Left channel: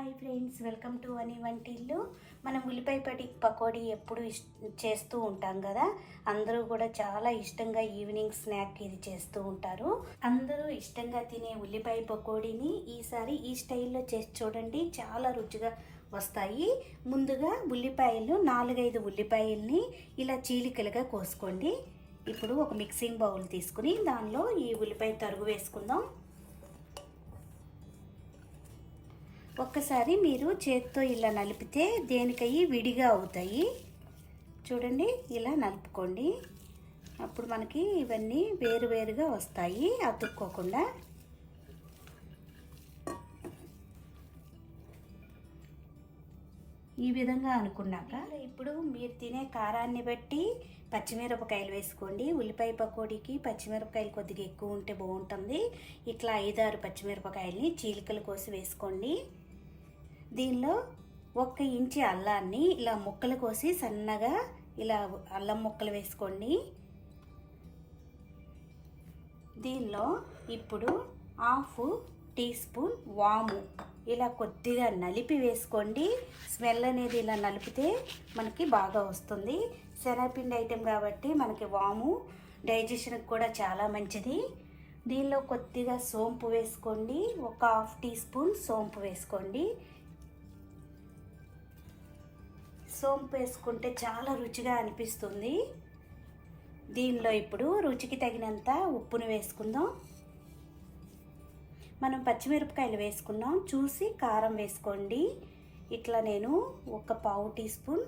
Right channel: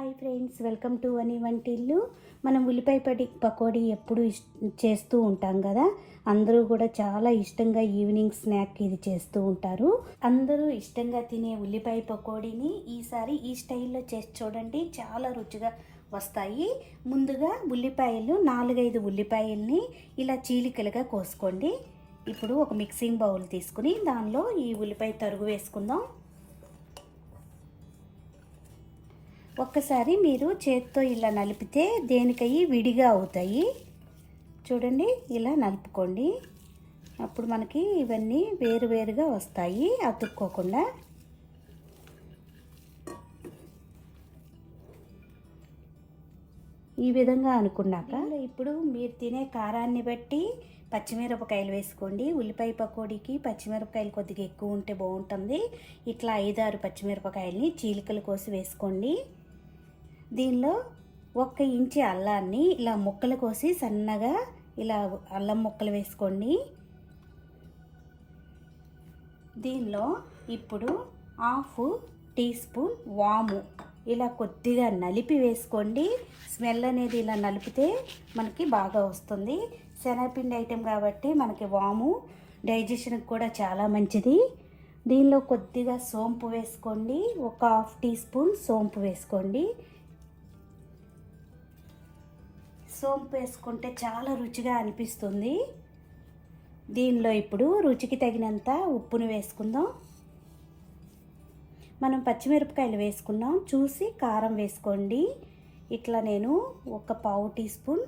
Hi friends, welcome to అని వంటిల్లు. మనం ఉల్లిపాయ పకోడీ ఎప్పుడు చేస్తూ ఉంటాం కదా. అందరూ కూడా చాలా ఇష్టంగా ఈవినింగ్ స్నాక్ ఇది చేస్తూ ఉంటారు. అందరూ ఇష్టంగా తినే ఉల్లిపాయ పకోడీని ఈసారి ఈ స్టైల్లో చేసి చూడండి, చాలా రుచిగా వస్తాయి. ముందుగా ఉల్లిపాయలు 4-5 ఉల్లిపాయల్ని ఇలా చీలికలుగా కోసుకోండి. ఇప్పుడు ఒక మిక్సింగ్ బౌల్ తీసుకుని దానిలో ఈ ఉల్లిపాయ తరుగు వేసుకుందాం. ఒక్కసారి మీరు చేత్తో ఇలా నలిపితే దేనికయ్యి విడిగా అవుతాయి. చూడండి, ఇలా నలుపుకోండి. అప్పుడు మనకి ఇవన్నీ వేరువేరుగా వస్తాయి, అతుక్కోకుండా. ఈ విధంగా అనుకున్నాక ఇప్పుడు మీరు తినే కారాన్ని బట్టి పచ్చిమిరపకాయలు వేసుకోండి. ఉల్లిపాయ పకోడీకి పచ్చిమిరపకాయలు కొద్దిగా ఎక్కువ ఉంటే బాగుంటుంది. ఇట్లా 5-6 పచ్చిమిరపకాయలని చీలికలు కోసి వేసుకోండి. దీనిలో 1 ఇంచు అల్లాన్ని ఇలా ముక్కలు కోసి సన్నగా ఇలా అల్లం ముక్కలు వేసుకోండి. దీనిలో ఇప్పుడు 1/2 టీ స్పూన్ వాము ఇలా కొద్దిగా నలిపి వేసుకోండి. స్మెల్ అనేది ఇలా నలిపితే మనకి బాగా వస్తుంది. శనగపిండి ఐటెం కాబట్టి మనకి వాము డైజెషన్కి కూడా చాలా మంచిది. దీనిలో కొద్దిగా సోంపు వేసుకోండి. 1/2 టీ స్పూన్ సోంపు వేసుకోండి. సోంపు వేసుకుంటే చాలా రుచిగా అనిపిస్తుంది. దీనిలో ఇప్పుడు రుచికి తగినంత ఉప్పును వేసుకుందాం. మనం పచ్చిమిరపకాయలు వేసుకున్నాం, చూసి కారం వేసుకోండి. ఇట్లా నేను 1/4 టీ స్పూన్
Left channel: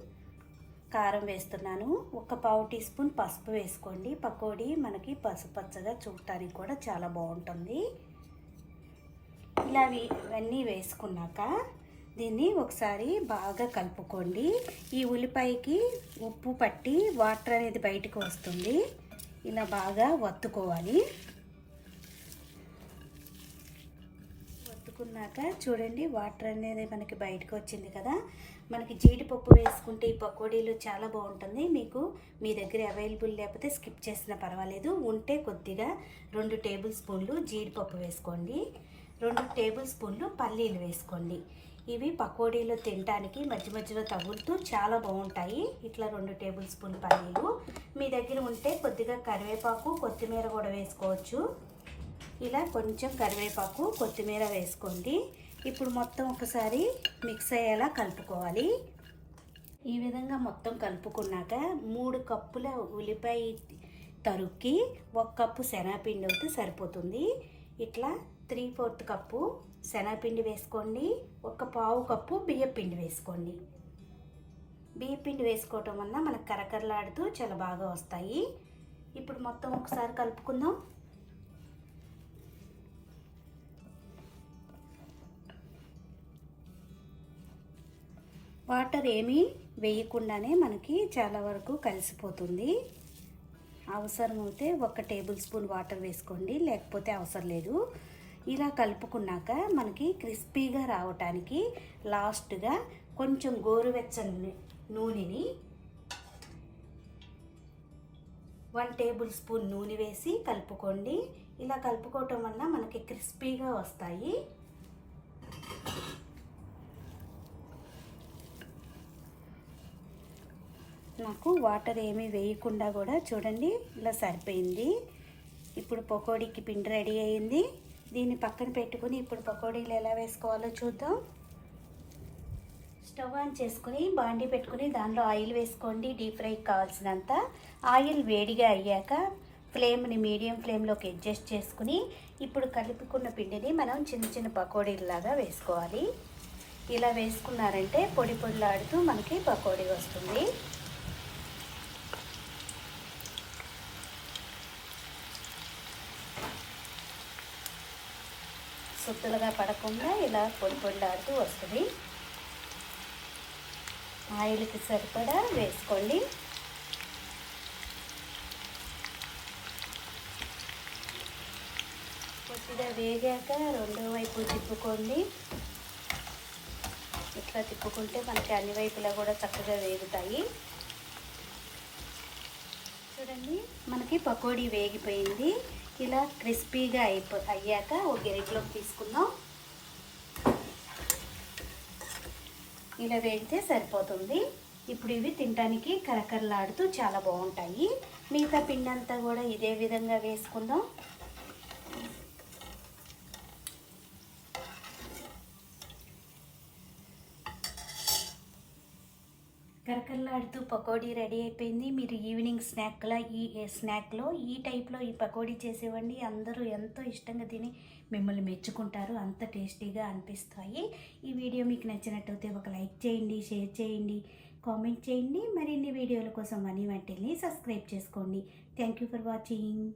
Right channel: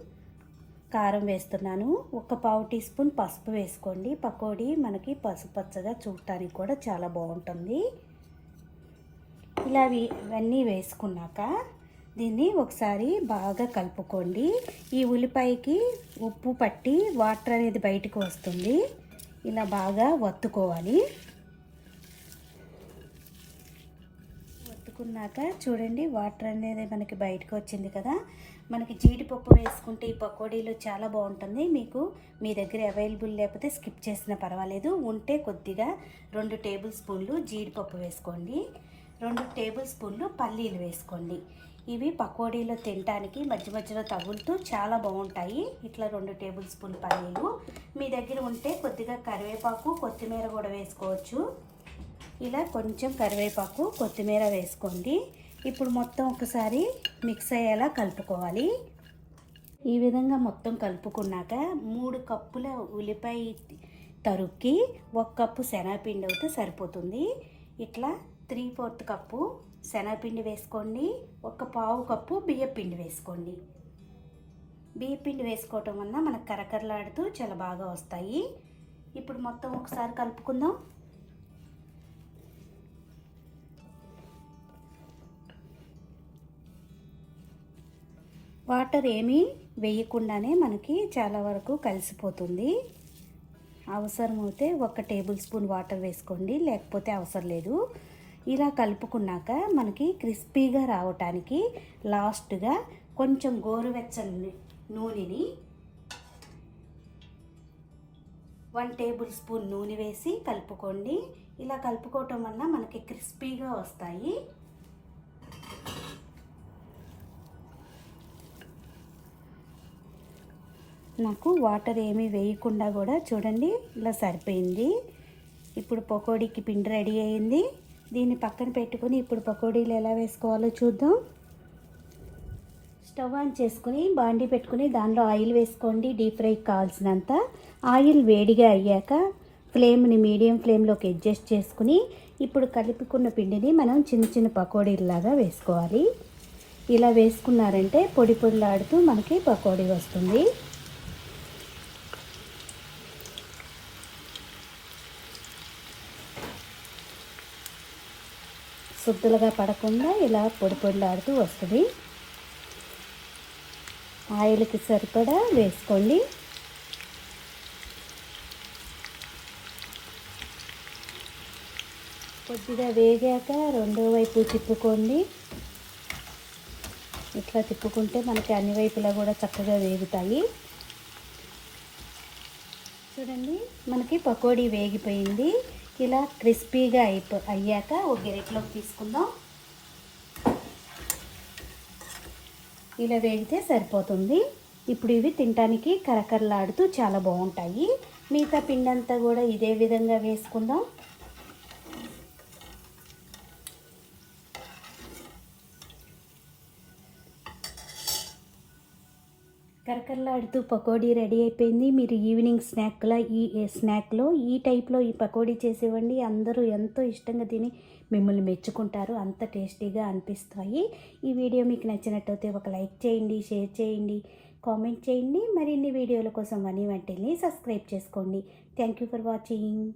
కారం వేస్తున్నాను. 1/4 టీ స్పూన్ పసుపు వేసుకోండి. పకోడీ మనకి పసుపచ్చగా చూడటానికి కూడా చాలా బాగుంటుంది. ఇలా ఇవన్నీ వేసుకున్నాక దీన్ని ఒకసారి బాగా కలుపుకోండి. ఈ ఉల్లిపాయకి ఉప్పు పట్టి వాటర్ అనేది బయటకు వస్తుంది. ఇలా బాగా వత్తుకోవాలి. వత్తుకున్నాక చూడండి, వాటర్ అనేది మనకి బయటకు వచ్చింది కదా. మనకి జీడిపప్పు వేసుకుంటే ఈ పకోడీలు చాలా బాగుంటుంది. మీకు మీ దగ్గర అవైలబుల్ లేకపోతే స్కిప్ చేసినా పర్వాలేదు. ఉంటే కొద్దిగా 2 టేబుల్ స్పూన్లు జీడిపప్పు వేసుకోండి. 2 టేబుల్ స్పూన్లు పల్లీలు వేసుకోండి. ఇవి పకోడీలో తినడానికి మధ్య మధ్యలో తగులుతూ చాలా బాగుంటాయి. ఇట్లా 2 టేబుల్ స్పూన్ పల్లీలు. మీ దగ్గర ఉంటే కొద్దిగా కరివేపాకు, కొత్తిమీర కూడా వేసుకోవచ్చు. ఇలా కొంచెం కరివేపాకు, కొత్తిమీర వేసుకోండి. ఇప్పుడు మొత్తం ఒకసారి మిక్స్ అయ్యేలా కలుపుకోవాలి. ఈ విధంగా మొత్తం కలుపుకున్నాక 3 కప్పుల ఉల్లిపాయ తరుక్కి 1 కప్పు శనగపిండి అయితే సరిపోతుంది. ఇట్లా 3/4 కప్పు శనగపిండి వేసుకోండి. 1/4 కప్పు బియ్యపిండి వేసుకోండి. బియ్యపిండి వేసుకోవటం వల్ల మనకు కరకరలాడుతూ చాలా బాగా వస్తాయి. ఇప్పుడు మొత్తం ఒకసారి కలుపుకుందాం. వాటర్ ఏమీ వేయకుండానే మనకి చాలా వరకు కలిసిపోతుంది. అవసరమైతే 1 టేబుల్ స్పూన్ వాటర్ వేసుకోండి, లేకపోతే అవసరం లేదు. ఇలా కలుపుకున్నాక మనకి క్రిస్పీగా రావటానికి లాస్ట్గా కొంచెం గోరువెచ్చని నూనెని 1 టేబుల్ స్పూన్ నూనె వేసి కలుపుకోండి. ఇలా కలుపుకోవటం వల్ల మనకి క్రిస్పీగా వస్తాయి. నాకు వాటర్ ఏమీ వేయకుండా కూడా చూడండి ఇలా సరిపోయింది. ఇప్పుడు పకోడీకి పిండి రెడీ అయింది. దీన్ని పక్కన పెట్టుకుని ఇప్పుడు పకోడీలు ఎలా వేసుకోవాలో చూద్దాం. స్టవ్ ఆన్ చేసుకుని బాండీ పెట్టుకుని దానిలో ఆయిల్ వేసుకోండి. డీప్ ఫ్రైకి కావాల్సినంత. ఆయిల్ వేడిగా అయ్యాక ఫ్లేమ్ని మీడియం ఫ్లేమ్లోకి అడ్జస్ట్ చేసుకుని ఇప్పుడు కలుపుకున్న పిండిని మనం చిన్న చిన్న పకోడీలాగా వేసుకోవాలి. ఇలా వేసుకున్నారంటే పొడి పొడిలాడుతూ మనకి పకోడీ వస్తుంది. సుద్దులుగా పడకుండా ఇలా పొడి పొడిలాడుతూ వస్తుంది. ఆయిల్కి సరిపడా వేసుకోండి. కొద్దిగా వేగాక రెండో వైపు తిప్పుకోండి. ఇట్లా తిప్పుకుంటే మనకి అన్ని వైపులా కూడా చక్కగా వేగుతాయి. చూడండి, మనకి పకోడీ వేగిపోయింది. ఇలా క్రిస్పీగా అయ్యాక ఒక గరిటెలోకి తీసుకుందాం. ఇలా వేగితే సరిపోతుంది. ఇప్పుడు ఇవి తినడానికి కరకరలాడుతూ చాలా బాగుంటాయి. మిగతా పిండి అంతా కూడా ఇదే విధంగా వేసుకుందాం. కరకరలాడుతూ పకోడీ రెడీ అయిపోయింది. మీరు ఈవినింగ్ స్నాక్లో ఈ టైప్లో ఈ పకోడీ చేసేవండి. అందరూ ఎంతో ఇష్టంగా తిని మిమ్మల్ని మెచ్చుకుంటారు. అంత టేస్టీగా అనిపిస్తాయి. ఈ వీడియో మీకు నచ్చినట్టయితే ఒక లైక్ చేయండి, షేర్ చేయండి, కామెంట్ చేయండి. మరిన్ని వీడియోల కోసం వనీ వంటిల్ని సబ్స్క్రైబ్ చేసుకోండి. Thank you for watching.